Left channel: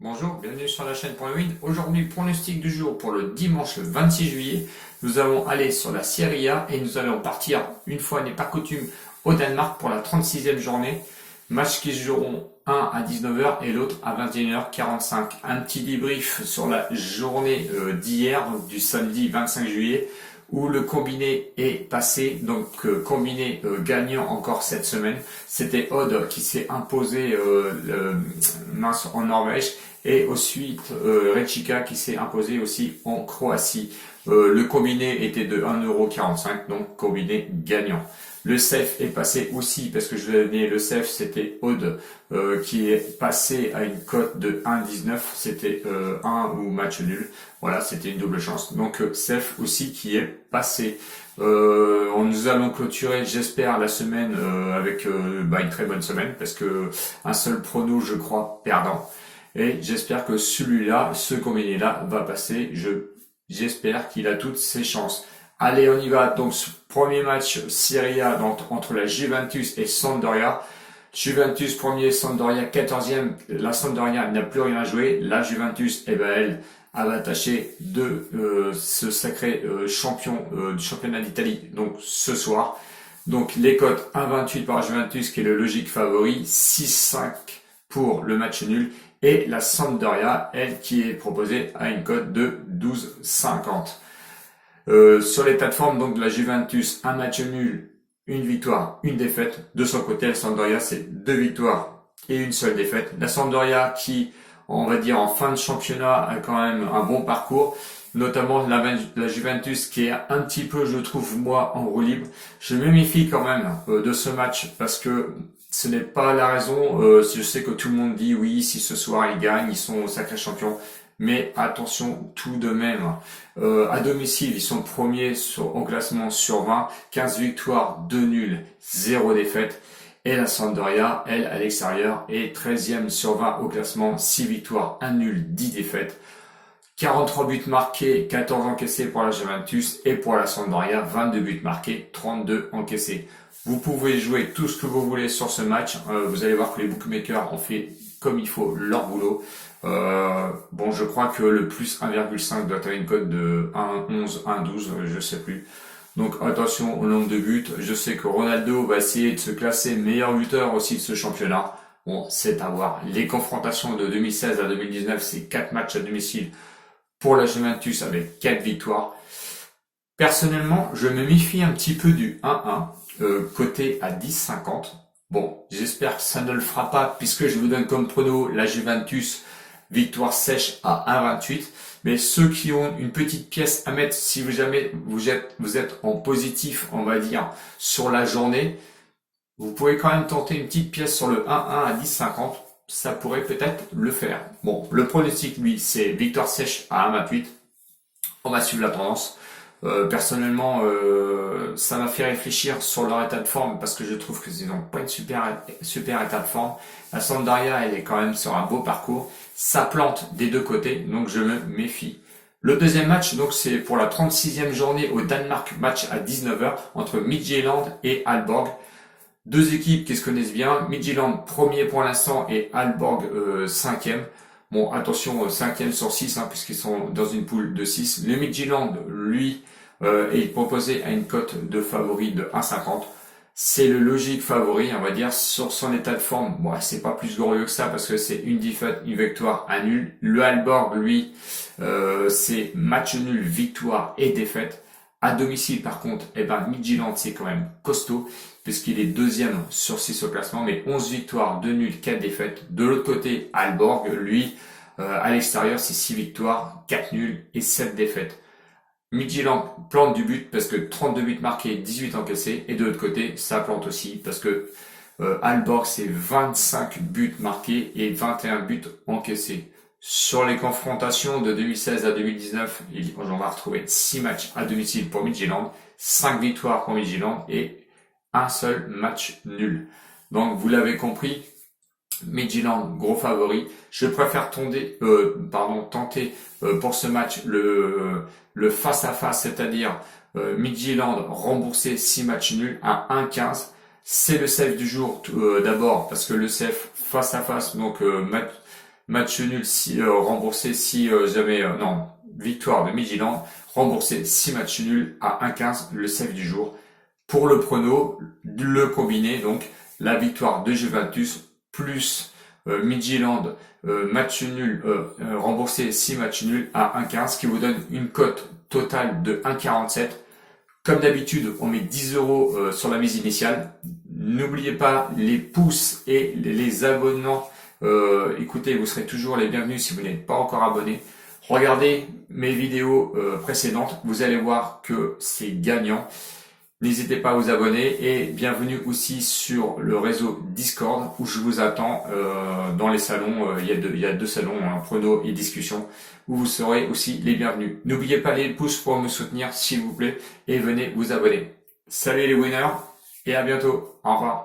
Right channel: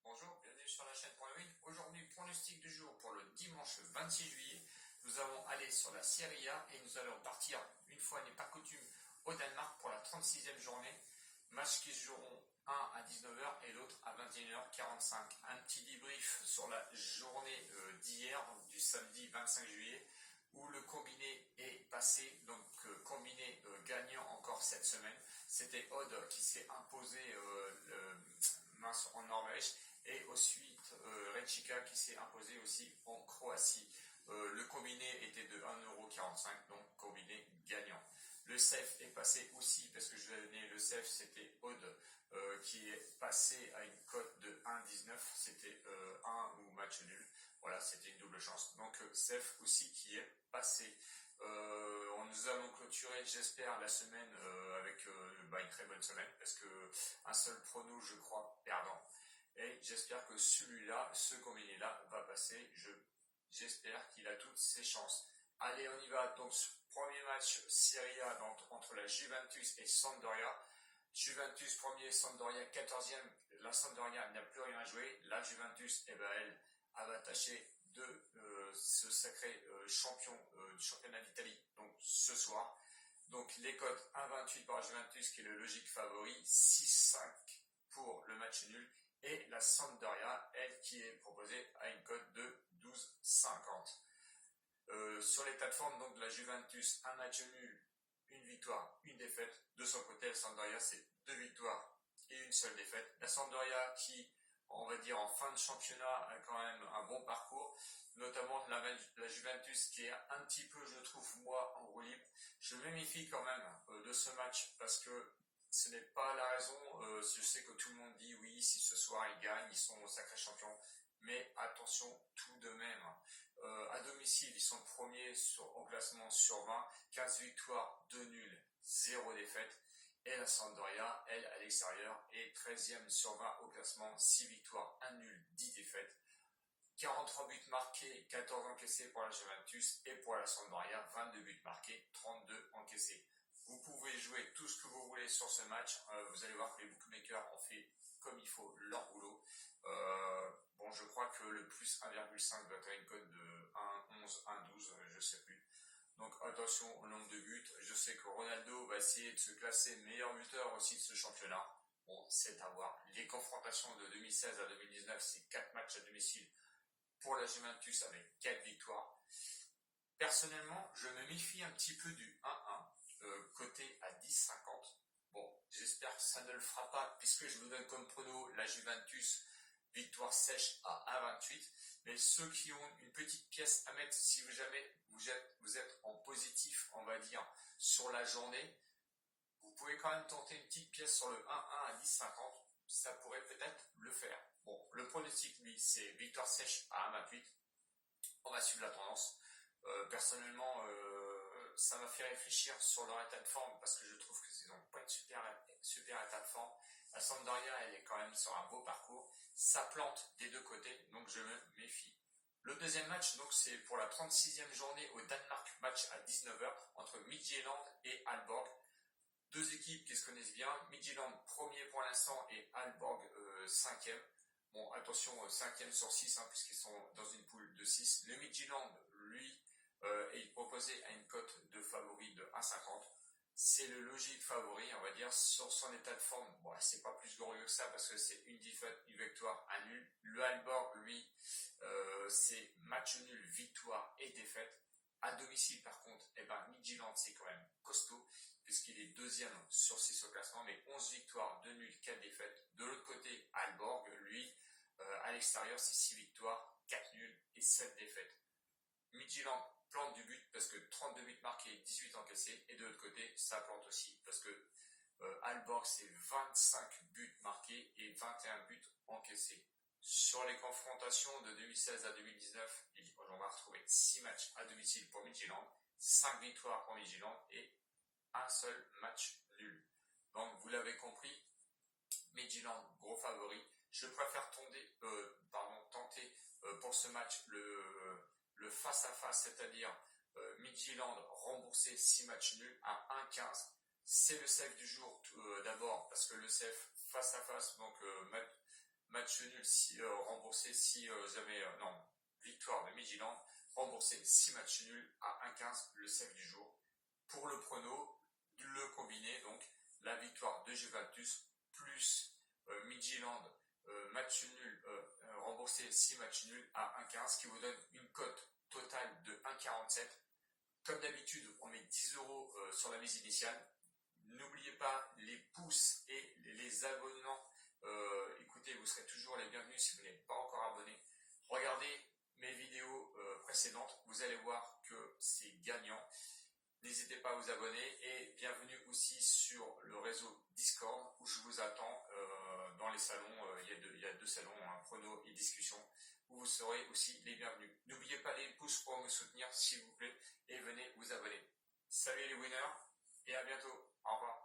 Bonjour, bienvenue sur la chaîne Point Win. Aujourd'hui, pronostic du jour pour le dimanche 26 juillet. Nous allons aller sur la Serie A et nous allons partir, une fois n'est pas coutume, au Danemark pour la 36e journée. Match qui se joueront un à 19h et l'autre à 21h45. Un petit débrief sur la journée d'hier, donc du samedi 25 juillet, où le combiné est passé, donc combiné gagnant encore cette semaine. C'était Odd qui s'est imposé en Norvège et ensuite Rijeka qui s'est imposé aussi en Croatie. Le combiné était de 1,45€, donc combiné gagnant. Le CEF est passé aussi, parce que je l'ai donné, le CEF c'était Aude qui est passé à une cote de 1,19, c'était 1 ou match nul. Voilà, c'était une double chance. Donc CEF aussi qui est passé. Nous allons clôturer, j'espère, la semaine avec une très bonne semaine, parce que un seul prono, je crois, perdant. Et j'espère que celui-là, ce combiné-là, va passer. J'espère qu'il a toutes ses chances. Allez, on y va. Donc, ce premier match Serie A entre la Juventus et Sampdoria. Juventus premier, Sampdoria 14e. La Sampdoria n'a plus rien à jouer. La Juventus, elle va tâcher de se sacrer champion du championnat d'Italie. Donc, ce soir. Donc, les cotes 1,28 pour la Juventus, qui est le logique favori. 6,5 pour le match nul. Et la Sampdoria, elle, qui est proposée à une cote de 12,50. Sur l'état de forme donc de la Juventus, un match nul, une victoire, une défaite. De son côté, la Sampdoria, c'est 2 victoires et une seule défaite. La Sampdoria qui, on va dire, en fin de championnat, a quand même un bon parcours. Notamment la Juventus qui est un petit peu, je trouve, moi, en roue libre. Je me méfie quand même de ce match parce que ce n'est pas la raison. Je sais que tout le monde dit oui, si ce soir ils gagnent, ils sont sacrés champions. Mais attention tout de même. À domicile, ils sont premiers au classement sur 20, 15 victoires, 2 nuls, 0 défaite. Et la Sampdoria, elle, à l'extérieur, est 13e sur 20 au classement, 6 victoires, 1 nul, 10 défaites. 43 buts marqués, 14 encaissés pour la Juventus et pour la Sampdoria, 22 buts marqués, 32 encaissés. Vous pouvez jouer tout ce que vous voulez sur ce match. Vous allez voir que les bookmakers ont fait comme il faut leur boulot. Je crois que le plus 1,5 doit avoir une cote de 1,11, 1,12, je sais plus. Donc attention au nombre de buts. Je sais que Ronaldo va essayer de se classer meilleur buteur aussi de ce championnat. Bon, c'est à voir. Les confrontations de 2016 à 2019, c'est 4 matchs à domicile pour la Juventus avec 4 victoires. Personnellement, je me méfie un petit peu du 1-1, coté à 10,50. Bon, j'espère que ça ne le fera pas puisque je vous donne comme prono la Juventus victoire sèche à 1,28. Mais ceux qui ont une petite pièce à mettre, si jamais vous êtes en positif, on va dire, sur la journée, vous pouvez quand même tenter une petite pièce sur le 1-1 à 10,50. Ça pourrait peut-être le faire. Bon, le pronostic, lui, c'est victoire sèche à 1,28. On va suivre la tendance. Personnellement, ça m'a fait réfléchir sur leur état de forme parce que je trouve qu'ils n'ont pas une super état de forme. La Sampdoria, elle est quand même sur un beau parcours. Ça plante des deux côtés, donc je me méfie. Le deuxième match, donc c'est pour la 36e journée au Danemark, match à 19h entre Midtjylland et Aalborg. Deux équipes qui se connaissent bien. Midtjylland premier pour l'instant et Aalborg 5e. Bon, attention, 5e sur 6, puisqu'ils sont dans une poule de 6. Le Midtjylland, lui, est proposé à une cote de favori de 1,50. C'est le logique favori, on va dire, sur son état de forme. Bon, c'est pas plus glorieux que ça, parce que c'est une défaite, une victoire, un nul. Le Aalborg, lui, c'est match nul, victoire et défaite. À domicile, par contre, Midtjylland, c'est quand même costaud, puisqu'il est deuxième sur 6 au classement, mais 11 victoires, 2 nuls, 4 défaites. De l'autre côté, Aalborg, lui, à l'extérieur, c'est 6 victoires, 4 nuls et 7 défaites. Midtjylland plante du but parce que 32 buts marqués, 18 encaissés. Et de l'autre côté, ça plante aussi parce que Aalborg, c'est 25 buts marqués et 21 buts encaissés. Sur les confrontations de 2016 à 2019, on va retrouver 6 matchs à domicile pour Midtjylland, 5 victoires pour Midtjylland et un seul match nul. Donc vous l'avez compris, Midtjylland, gros favori. Je préfère tenter pour ce match le face-à-face, c'est-à-dire Midtjylland remboursé 6 matchs nuls à 1,15. C'est le safe du jour d'abord, parce que le safe face-à-face, donc match nul si, remboursé si jamais, non, victoire de Midtjylland, remboursé 6 matchs nuls à 1,15 le save du jour. Pour le prono, le combiné, donc la victoire de Juventus plus Midtjylland, match nul, remboursé 6 matchs nuls à 1,15, ce qui vous donne une cote totale de 1,47. Comme d'habitude, on met 10 euros sur la mise initiale. N'oubliez pas les pouces et les abonnements. Écoutez, vous serez toujours les bienvenus si vous n'êtes pas encore abonné. Regardez mes vidéos précédentes, vous allez voir que c'est gagnant. N'hésitez pas à vous abonner et bienvenue aussi sur le réseau Discord où je vous attends dans les salons. Il y a deux salons, prono et discussion, où vous serez aussi les bienvenus. N'oubliez pas les pouces pour me soutenir s'il vous plaît et venez vous abonner. Salut les winners et à bientôt. Au revoir.